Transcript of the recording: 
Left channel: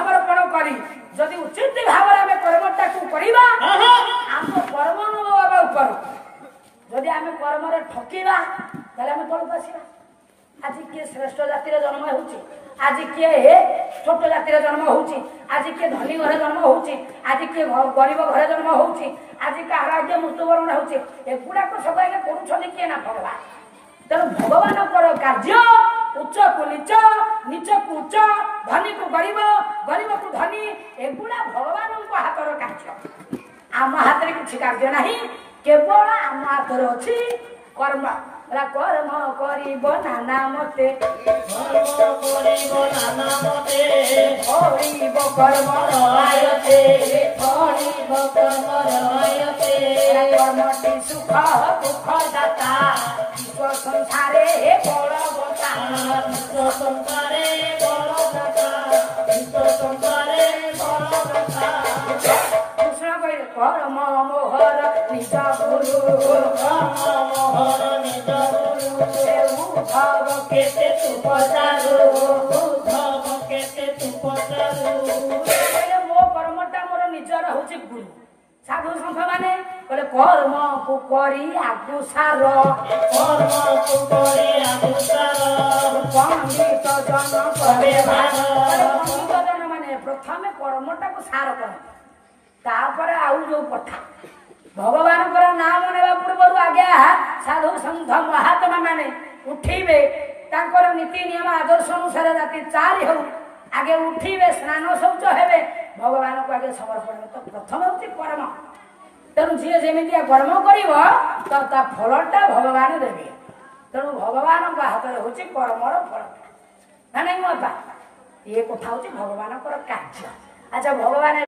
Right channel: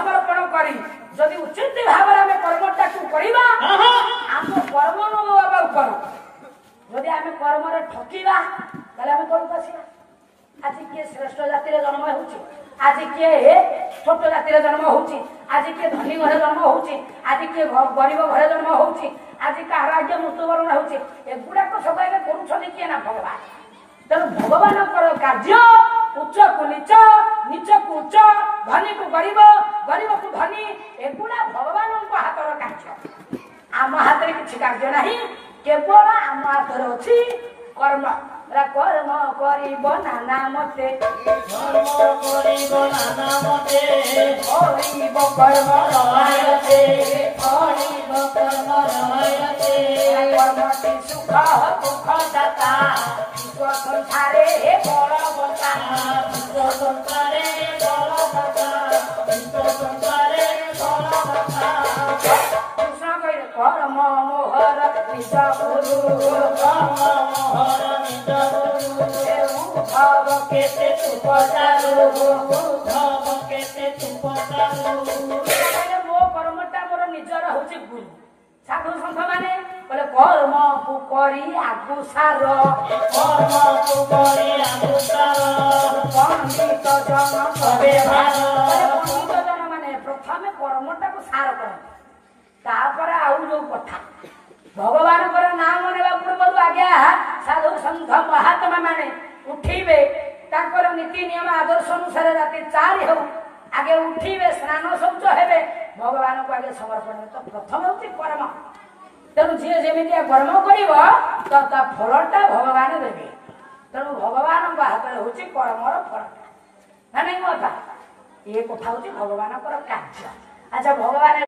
समर्पण करी जदि उचित भाव में कर्मटा करवा आम कर्म नवा ऊपर जदि आम कर्म ठकिवा आम तौक आसवा आज किए श्रेष्ठ जातिर जन्म हो आज किए छोट जातिर जन्म हो आज किए धनी घर जन्म हो आज किए गरीब घर जन्म हो आज कहार आज मृत्युवरण होगुड़ाक सब करुँच किए ना भगवान तेणु भगवान कार्य उच्च को नीच नीच को उच्च धनी को गरीब गरीब को धनी एगुड़ा भगवान हाथर कार्य आम हाथ में किसी कार्य ना केवल आम हाथर अच्छी कर्म कर्म करिब नाना मते करिब कर्म रहायते कर्मटी सुख दुख दाता विश्व संसारे बलवता विश्व संसारे बलदाता विश्व संसारे बलदाता कृष्ण कहे कर्म मोहर निज गुरु कर्म मोहर निज केते तू पचारू मो कर्मटा मोर निजर हूँ गुरु साधु संघ माने बोले कर्म को करी आगु सार कर्म को करी आगु सार पंडित जन करे भार पंडित जन माने प्रथम कर्मटा को सार कर तापर आउ जो कथा भगवान नाम नेवा पूर्व आज्ञा साधु संघ महात्मा माने उठिबे तांकर नीति नियम आदर्श अनुसार राति 4 हो आगे उठिबे स्नान शौच हेबे भगवान को आगे समर्पण तो प्रथम होती कर्म तेणु जी जमी कर्म कर फलटा भगवान देवे तेणु भगवान हाथ में हूँ कर्मर फलटा ना नहीं ये कथा हूँ भगवान कार्य अच्छा भगवान